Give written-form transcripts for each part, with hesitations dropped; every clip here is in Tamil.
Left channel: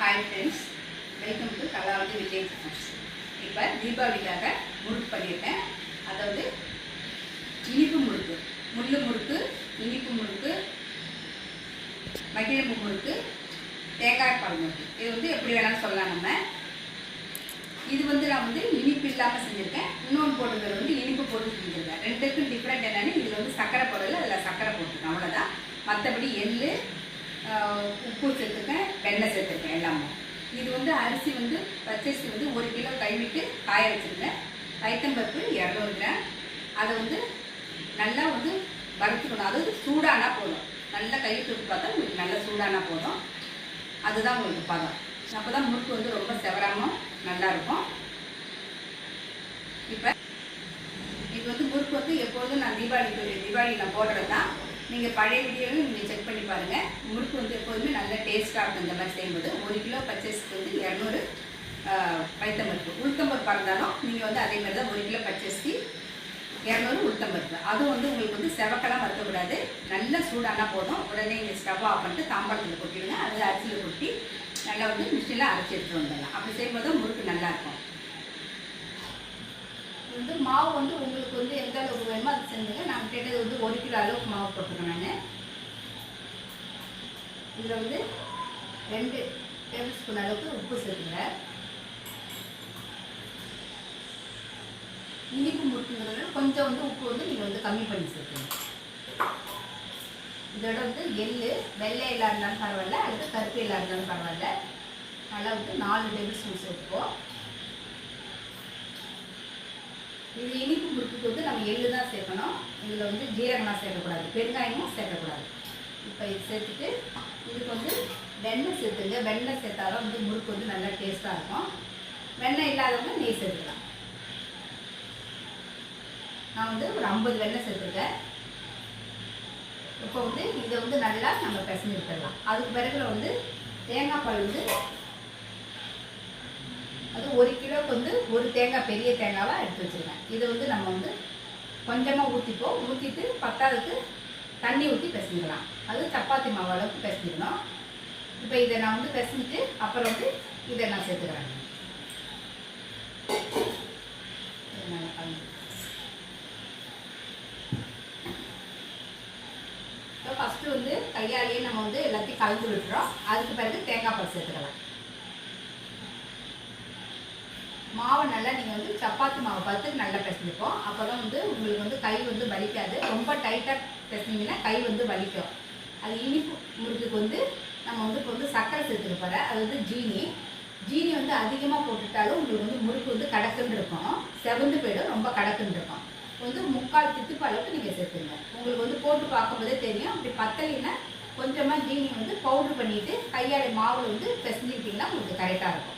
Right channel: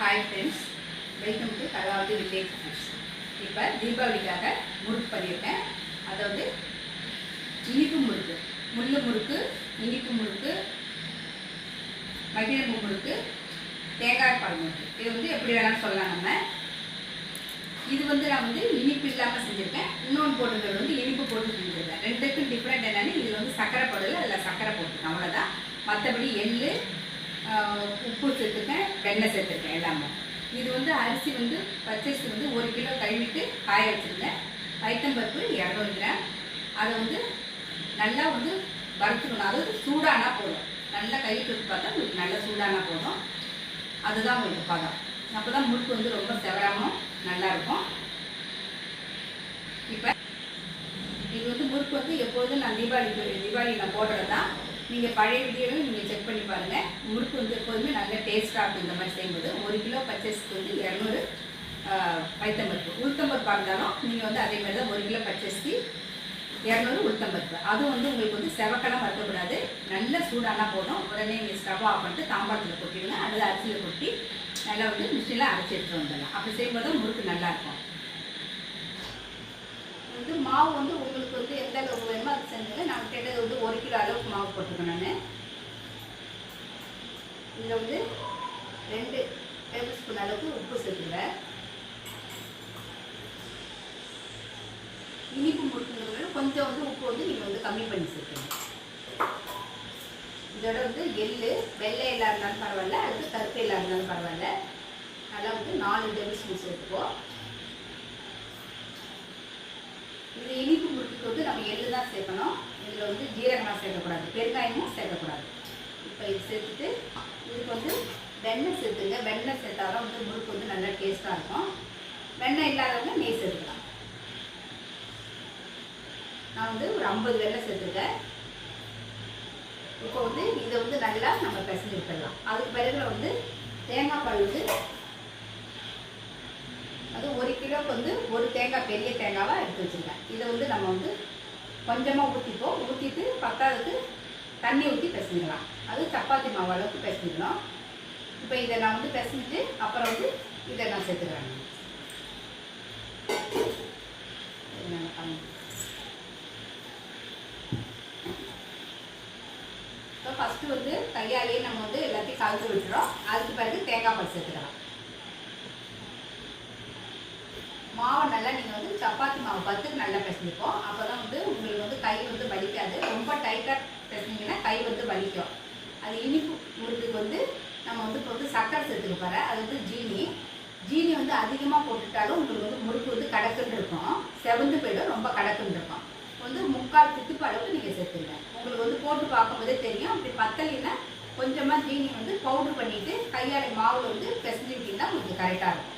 Hi friends, welcome to Kalavathi Vijay foods. இப்போ தீபாவளிக்காக முறுக்கு பண்ணியிருக்கேன். அதாவது இனிப்பு முறுக்கு, முள்ளு முறுக்கு, இனிப்பு முறுக்கு, மகிழம்பு முறுக்கு, தேங்காய் பால் முறுக்கு. இது எப்படி வேணாலும் சொல்லலாம். நம்ம இது நான் இனிப்பு இல்லாமல் செஞ்சுருக்கேன். இன்னொன்று போட்டுங்கிறது இனிப்பு போட்டு செஞ்சுருக்கேன். ரெண்டுக்கும் டிஃப்ரெண்ட் என்னென்னு, இதில் சர்க்கரை போடல, அதில் சர்க்கரை போட்டுருக்கேன், அவ்வளோதான். மற்றபடி எள், உப்பு சேர்த்துருக்கேன், வெண்ணெய் சேர்த்துருக்கேன் எல்லாமே. இது அரிசி பச்சரிசி 1 கிலோ கழுவிட்டு காய வச்சுருக்கேன். பைத்தம்பருப்பு 200 கிராம். அதை நல்லா வறுத்துக்கணும். அதாவது சூடானா போதும். நல்லா கை தொட்டு பார்த்தா உங்களுக்கு நல்லா சூடானா போதும். அதுதான் உங்களுக்கு பதம். அப்போ தான் முறுக்கு ரொம்ப செவராமல் நல்லாயிருக்கும். இப்போ இது முறுக்கு எப்பொழுதும் நான் தீபாவளி நான் போடுறது தான். நீங்கள் பழைய வீடியோவும் நீங்கள் செக் பண்ணி பாருங்கள். முறுக்கு எப்போதுமே நல்ல டேஸ்ட்டாக இருக்கும். இந்த மாதிரி செய்யும்போது 1 கிலோ பச்சரிசிக்கு 200 பைத்தம்பருப்பு. உளுத்தம்பருப்பாக இருந்தாலும் நீங்கள் அதே மாதிரி தான் 1 கிலோ பச்சரிசி 200 உளுத்தம்பருப்பு. அதுவும் உங்களுக்கு செவக்கலாம் வறுக்கக்கூடாது. நல்ல சூடானா போதும். உடனே நீங்கள் ஸ்டவ் ஆஃப் பண்ணிட்டு தாம்பாளத்தில் கொட்டிடுங்க. அதில் அரிசியில் கொட்டி நல்லா மிஷினில் அரைச்சி எடுத்துகிட்டு வந்துடலாம். அப்படி செய்யும்போது முறுக்கு நல்லாயிருக்கும். மாவு உங்களுக்கு எந்த அளவுக்கு வேணுமோ அது செஞ்சுங்க. நான் கேட்டது 1 கிலோ அளவுக்கு மாவு போட்டிருக்கேன். நான் இதில் 2 டேபிள் ஸ்பூன் அளவுக்கு உப்பு சேர்த்துக்கிறேன். இனிப்பு முறுக்குங்கிறது கொஞ்சம் உப்பு நீங்கள் கம்மி பண்ணி சேர்த்துங்க. இதோட எள், வெள்ளை எல்லாம் இருந்தாலும் பரவாயில்ல, அடுத்து கருப்பு எல்லாம் இருந்தாலும் பரவாயில்ல. நல்லா 4 டேபிள் ஸ்பூன் சேர்த்துப்போம். இது இனிப்பு முறுக்குக்கு நம்ம எள்ளு தான் சேர்க்கணும். இதில் ஜீரகமாக சேர்க்கக்கூடாது, பெருங்காயமும் சேர்க்கக்கூடாது. இப்போ இது சேர்த்துட்டு இதுக்கு வெண்ணெய் சேர்த்துங்க. வெண்ணெய் சேர்த்தாலும் முறுக்கு நல்லா டேஸ்ட்டாக இருக்கும். வெண்ணெய் இல்லாதவங்க நெய் சேர்த்துக்கலாம். நான் ஒரு 50 வெண்ணெய் சேர்த்துருக்கேன். இப்போ இதை நல்லா நம்ம பிசைஞ்சு விட்டுடலாம். அதுக்கு பிறகு தேங்காய் பால் அது 1 கிலோவுக்கு 1 தேங்காய், பெரிய தேங்காவாக எடுத்து வச்சுருக்கேன். இதை நம்ம கொஞ்சமாக ஊற்றிப்போம். ஊற்றிட்டு பத்தாவதுக்கு தண்ணி ஊற்றி பிசைஞ்சிக்கலாம். அது சப்பாத்தி மாவு அளவுக்கு பிசைஞ்சிக்கணும். இப்போ இதை நான் பிசைஞ்சிட்டு அப்புறம் இதை நான் சேர்த்துக்கிறேன். இப்போ ஃபஸ்ட்டு கையாலேயே நம்ம எல்லாத்தையும் கலந்து விட்டுறோம். அதுக்கு பிறகு தேங்காய் பால் சேர்த்துக்கலாம். மாவை நல்லா நீங்கள் சப்பாத்தி மாவு பார்த்து நல்லா பிசைஞ்சுப்போம். அப்போ தான் உங்களுக்கு கை வலிக்காது. ரொம்ப டைட்டாக பிசைஞ்சிங்கன்னா கை வலிக்கும். அது இனிப்பு முறுக்குக்கு நம்ம இப்போ சர்க்கரை சேர்த்துக்க போகிறேன். அது ஜீனி அதிகமாக போட்டுட்டாலும் உங்களுக்கு முறுக்கு கடக்குன்னு இருக்கும், செவந்து போயிடும், ரொம்ப கடக்குன்னு இருக்கும். 3/4 தித்துப்பு அளவுக்கு நீங்கள் சேர்த்துங்க. உங்களுக்கு போட்டு பார்க்கும்போதே தெரியும். அப்படி பத்தலைன்னா கொஞ்சமாக ஜீனி பவுட்ரு பண்ணிவிட்டு கையால் மாவு பிசைஞ்சிக்கிட்டிங்கன்னா உங்களுக்கு கரெக்டாக இருக்கும்.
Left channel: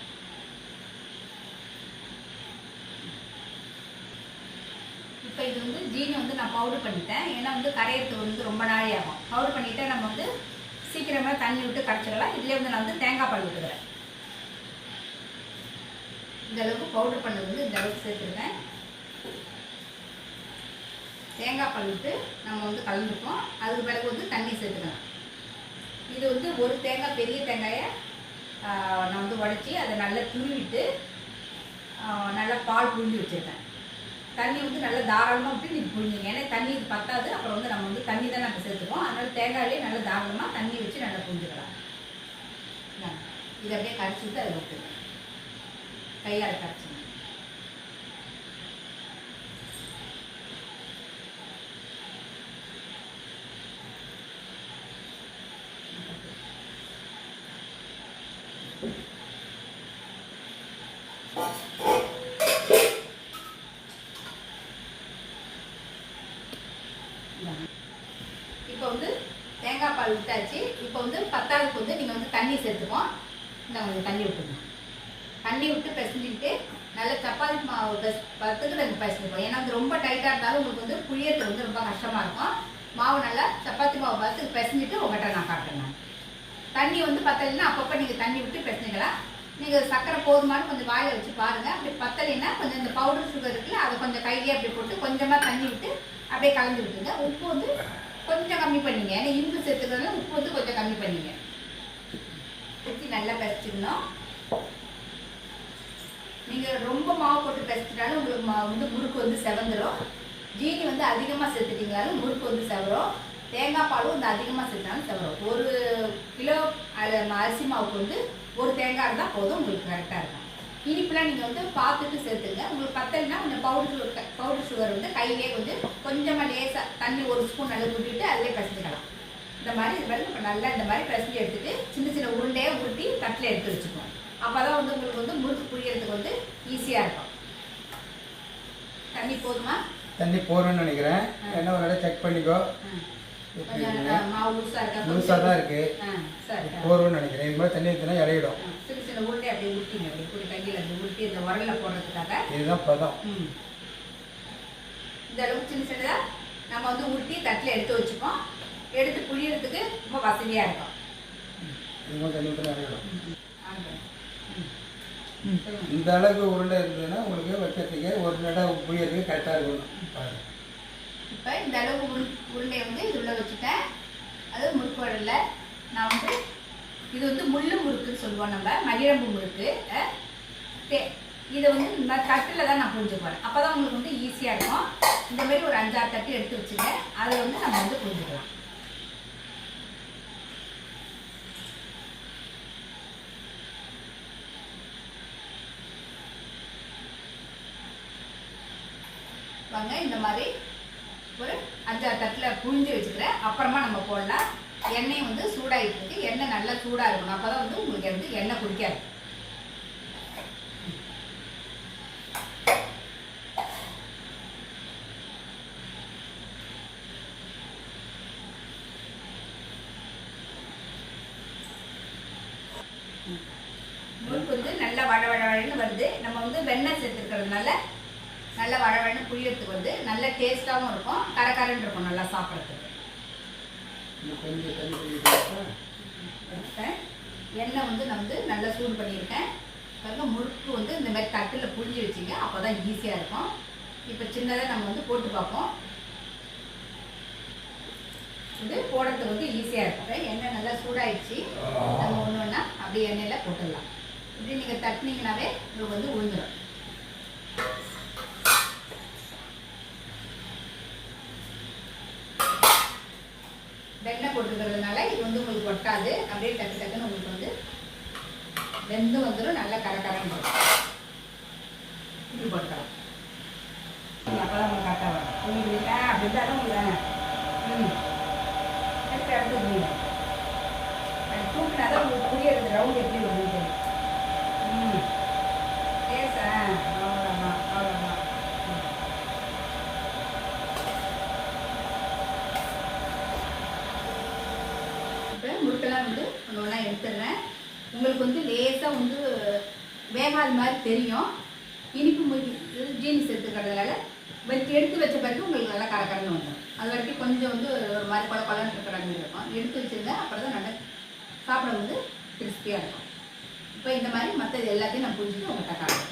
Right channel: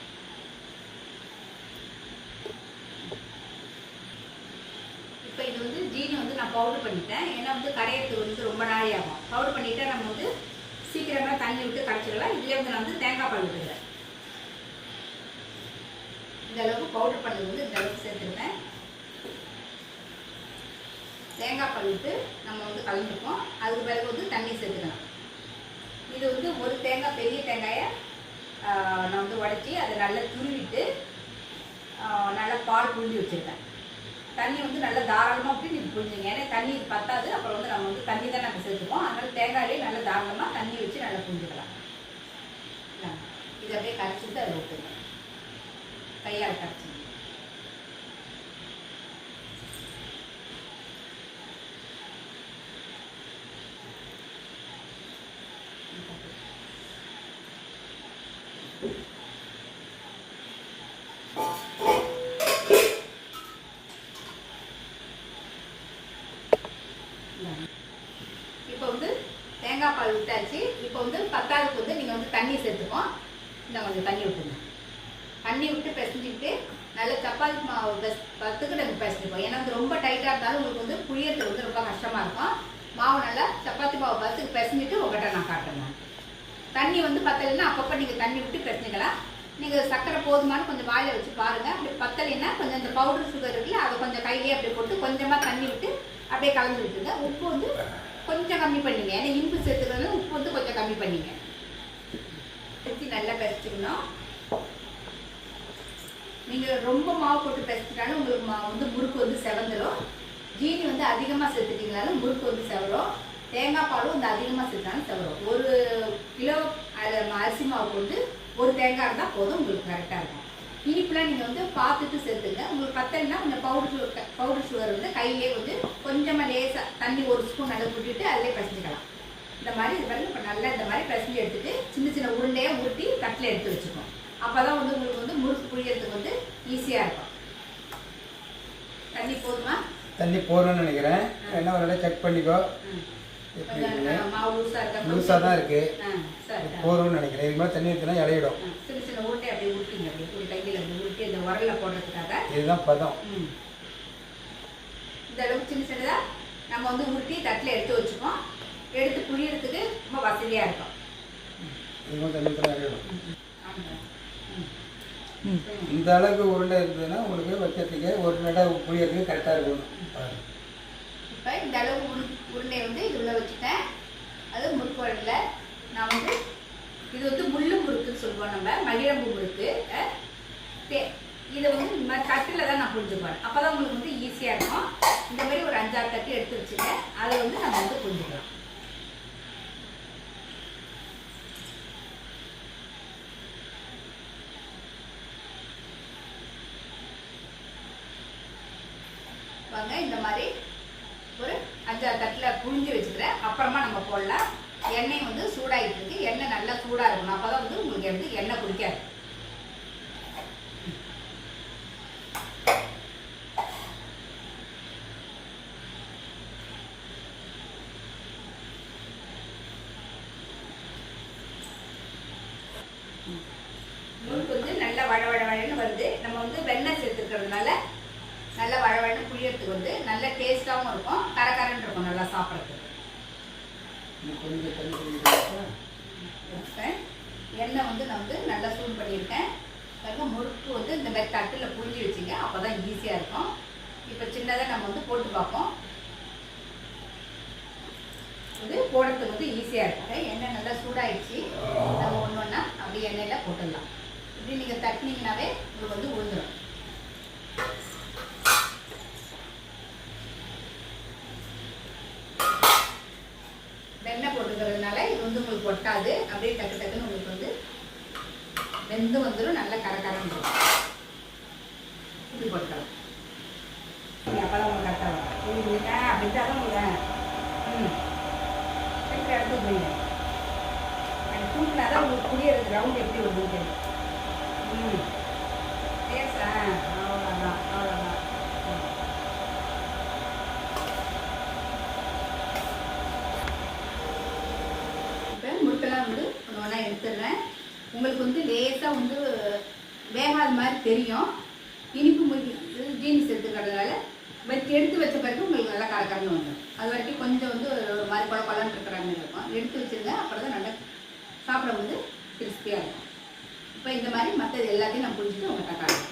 இப்போ இது ஜீனி நான் பவுடர் பண்ணிட்டேன். ஏன்னா கரையிறதுக்கு ரொம்ப நாளே ஆகும். பவுடர் பண்ணிவிட்டு நம்ம சீக்கிரமாக தண்ணி விட்டு கரைச்சிடலாம். இதுலேயே நான் தேங்காய் பால் விட்டுக்கிறேன். இந்த அளவுக்கு பவுடர் பண்ணது இந்த அளவுக்கு சேர்த்துருவேன். தேங்காய் பால் விட்டு நம்ம கலந்துப்போம். அதுக்கு பிறகு தண்ணி சேர்த்துக்கலாம். இது ஒரு தேங்காய், பெரிய தேங்காயை நான் உடச்சி அதை நல்லா துருவிட்டு நல்லா பால் புழிஞ்சு வச்சுருக்கேன். தண்ணி நல்லா தாராளமாக விட்டு நீங்கள் புழிஞ்சிங்க. ஏன்னா தண்ணி பத்தாது. அப்புறம் நம்ம தண்ணி தான் நம்ம சேர்த்துப்போம். அதனால் தேங்காயிலே நல்லா தாராளமாக தண்ணி வச்சு நல்லா புழிஞ்சிக்கலாம். இதை அப்படியே கரைச்சிட்டு அதை விட்டுருங்க. கையால் கரைச்சிங்க. இப்போ தேங்காய் பால் விட்டாச்சு. இப்போ பத்தாவதுக்கு நீங்கள் தண்ணி சேர்த்துப்போம். இந்த கொஞ்சம் தண்ணி விட்டுருங்க. தண்ணி விட்டு பிசைஞ்சிக்கிட்டு நல்ல சப்பாத்தி மாவு பத்துக்கு நாங்கள் பிசைஞ்சிப்போம். ஏன்னா ரொம்ப டைட்டாக இருந்தாலும் உங்களுக்கு புளியறது ரொம்ப கஷ்டமாக இருக்கும். மாவு நல்லா சப்பாத்தி மாவு பத்துக்கு பிசைஞ்சிட்டு உங்கள்கிட்ட நான் காட்டுறேன். தண்ணி பத்தலைன்னா அப்பப்போ நீங்கள் தண்ணி விட்டு பிசைஞ்சிக்கலாம். நீங்கள் சர்க்கரை போதுமான கொஞ்சம் வாயில் வச்சு பாருங்கள். அப்படி பத்தலைன்னா கொஞ்சம் இந்த பவுடர் சுகர் இருக்குல்ல, அதை கொஞ்சம் கையிலே அப்படி போட்டு கொஞ்சமாக தண்ணி விட்டு அப்படியே கலந்து விட்டுங்க. உப்பு கொஞ்சம் கம்மி பண்ணிங்க. ஏன்னா இனிப்பு சேர்த்துக்கிறதுனால உப்பு கொஞ்சம் கம்மி பண்ணிங்க. நல்லா பிசைச்சிக்கணும். நீங்கள் ரொம்ப மாவு போட்டு பிசைச்சிட்டாலும் உங்களுக்கு வந்து முறுக்கு வந்து செவந்துடும். ஜீனி வந்து அதிகமாக சேர்த்துட்டிங்கனாலும் முறுக்கு வந்து செவரும். தேங்காய் பாலும் வந்து அதிகமாக சேர்த்தாலும் செவரும். 1 கிலோ அரிசி மாவுக்கு வந்து 1 தேங்காய் இருந்தால் போதும், உங்களுக்கு கரெக்டாக இருக்கும். இனிப்புலாம் நீங்கள் வந்து பார்த்துட்டு சேர்த்துங்க. உங்களுக்கு பத்தலைன்னா கொஞ்சம் பவுடர் சுகர் வந்து கையிலே கொஞ்சமாக லேசாக தண்ணி 1 ஸ்பூன் நல்லா விட்டுட்டு அதிலே பிசைஞ்சிக்கலாம். இந்த மாதிரி இது பண்ணி இப்போ நல்லா இந்த மாதிரி பிசைஞ்சு எடுத்துட்டு சின்ன சின்ன உருண்டையாக உருட்டி தட்டில் எடுத்து வச்சுக்கோம். அப்போ தான் வந்து உங்களுக்கு வந்து முறுக்கு புழியறதுக்கு வந்து ஈஸியாக இருக்கும். தண்ணி போதுமா? தண்ணி போடணும்னு நினைக்கிறேன். என்ன ஒரு செக் பண்ணிக்கோ. மாவு லூஸாக தான் இருக்குது, போடும்னு நினைக்கிறேன். இது மாதிரி தண்ணி ஊற்றினா இலையிடும். சின்ன சின்ன உருண்டை அப்படியே ஊற்றிங்க. அப்படி கையில் அப்படி உருட்டி இந்த உரலில் போடுறதுக்காக இதுதான் பதம். இந்த அளவுக்கு சின்ன சின்னதாக நம்ம வந்து உருட்டி தட்டில் எடுத்து வச்சுப்போம். எடுத்து புழியறதுக்கு ரொம்ப வசதியாக இருக்கும். இந்த அளவுக்கு உருண்டை இருந்ததுன்னா உங்களுக்கு வைக்கிறதுக்கு ஒரு நேரம் புழியறதுக்கு கரெக்டாக இருக்கணும். இப்போ இந்த அளவு உருண்டை வந்து இது உள்ள வச்சுட்டேன். அது முறுக்கு வடலில் நான் வந்து இது வந்து முள்ளு முறுக்குன்னு சொல்லுவோம், நம்ம மகிழம்பு முறுக்கு. இதை வந்து இந்த மாதிரி தட்டில் தான் நான் புரிஞ்சு போகிறேன். அப்போ தான் உங்களுக்கு வந்து ஈஸியாக இருக்கும். இந்த மாதிரி ஒரு 5-6 தட்டு எடுத்து வச்சுங்க. அதை வந்து நம்ம வந்து புரிஞ்சுக்கலாம். வாங்க, இந்த மாதிரி ஒரு 5-6 தட்டில் புழிஞ்சு வச்சுக்கிறேன். அப்புறமா நம்ம போடலாம். எண்ணெய் வந்து சூடாகிட்டு இருக்கு. எண்ணெய் நல்லா சூடாக இருக்கணும். அப்போ தான் வந்து உங்களுக்கு வந்து எண்ணெய் குடிக்காது. முறுக்கு வந்து நல்லா வழன்னு வருது. நம்ம வந்து வெண்ணெய் சேர்த்துக்கிறதுனால நல்லா வழன்னு புளியறதுக்கு வந்து நல்ல டேஸ்டாகவும் இருக்கும், கரகரன்னு இருக்கும் நல்லா சாப்பிட்றதுக்கு. எண்ணெய் வந்து நான் வந்து நல்லா சூடு பண்ணியிருக்கேன். பாருங்க, முறுக்கு வந்து இந்த மாதிரி தட்டில் புழிஞ்சு வச்சுங்க. அப்போ தான் ஈஸியாக இருக்கும். இப்போ சின்னதாக நம்ம வந்து போட்டு பார்ப்போம். இது போடுறதுக்கு வந்து ஈஸியாக இருக்கும். எண்ணெய் நல்லா சூடாகிடுச்சு. நம்ம ஒன்று ஒன்றா அப்படியே எண்ணெயில் போட்டுடலாம். இப்படி நீங்கள் தட்டினீங்கன்னாவே உங்களுக்கு வந்து உழுந்துடும். வெண்ணெய் போட்டுக்கிறதுனால இது வந்து உங்களுக்கு ஒட்டாது. அப்படியே டக்கு டக்குன்னு உங்களுக்கு வந்து வெந்து வந்துடும். நல்லா கரகரன்னு இப்படி போட்டுக்கலாம். அப்போதான் உங்களுக்கு கரெக்டாக வரும். புரியுதுங்க? அப்படி தான் உங்களுக்கு அடுத்து புரியல. தூக்கினா தான் உங்களுக்கு புரியறது. ரவுண்ட் எப்படி வருது? பேசா அவ்வளோதான் அவ்வளோதான். முறுக்கெல்லாம் வந்து ஒன்று ஒன்றா எடுத்துடுறேன். உங்களுக்கு வந்து லேசாக வந்து வேகாத மாதிரி தெரியும். இனிப்பு முறுக்கு ஜீனி சேர்த்துக்கிறதுனால எடுத்து வச்ச பிறகு உங்களுக்கு நல்லா கரகரன்னு வந்துடும். அது வரைக்கும் கொஞ்சம் வந்து ஒரு மாதிரி கொலன்னு இருக்கிற மாதிரி இருக்கும். எடுத்து வச்சுருங்க. அப்புறம் தான் நல்லா சாப்பிட வந்து கிறிஸ்பியாக இருக்கும். இப்போ இந்த மாதிரி மற்றது எல்லாத்தையும் நான் புரிஞ்சுட்டு உங்கள்கிட்ட காட்டுறேன்.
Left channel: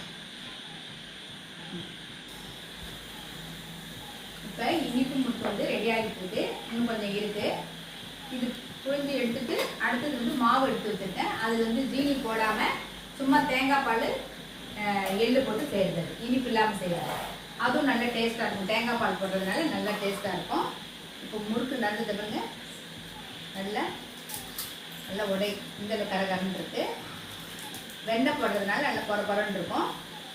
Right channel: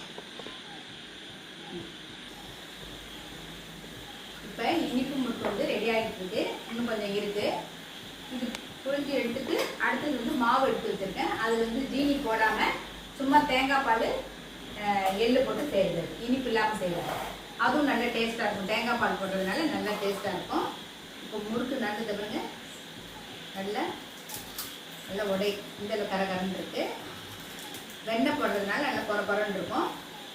இப்போ இனிப்பு முறுக்கு வந்து ரெடி ஆகிட்டு இருக்கு. இன்னும் கொஞ்சம் இருக்குது. இது புழிஞ்சு எடுத்துட்டு அடுத்தது வந்து மாவு எடுத்து வச்சுருக்கேன். அதில் வந்து ஜீனி போடாமல் சும்மா தேங்காய் பால் எள்ளு போட்டு செய்கிறது, இனிப்பு இல்லாமல் செய்கிறது. அதுவும் நல்ல டேஸ்ட்டாக இருக்கும். தேங்காய் பால் போடுறதுனால நல்லா டேஸ்ட்டாக இருக்கும். இப்போ முறுக்கு நடந்தது பாருங்க, நல்லா உடை இந்த கரகரன்னு இருக்குது. வெண்ணெய் போடுறதுனால நல்லா பொறன்னு இருக்கும்.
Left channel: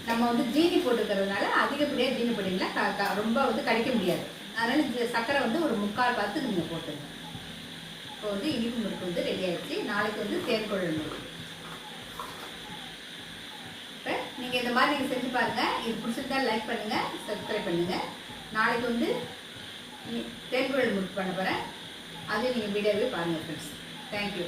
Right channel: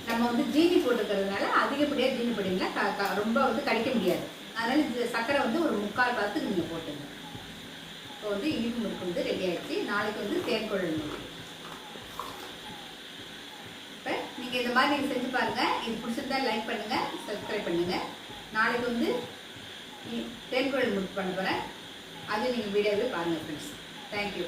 நம்ம வந்து ஜீனி போட்டுக்கிறதுனால அதிகப்படியாக ஜீனி போட்டிங்கன்னா ரொம்ப வந்து கடிக்க முடியாது. அதனால் இந்த சர்க்கரை வந்து ஒரு 3/4 பார்த்து நீங்கள் போட்டுங்க. இப்போ வந்து இனிப்பு முறுக்கு வந்து ரெடி ஆகிடுச்சு. நாளைக்கு வந்து தேன்குழல் முறுக்கு. இப்போ நீங்கள் இந்த மாதிரி நீங்கள் செஞ்சு பாருங்கள். இது பிடிச்சிருந்தா லைக் பண்ணுங்கள், சப்ஸ்கிரைப் பண்ணுங்கள். நாளைக்கு வந்து தேன்குழல் முறுக்கு பண்ண போகிறேன். அது நீங்கள் வீடியோவே பாருங்கள் ஃப்ரெண்ட்ஸ். தேங்க்யூ.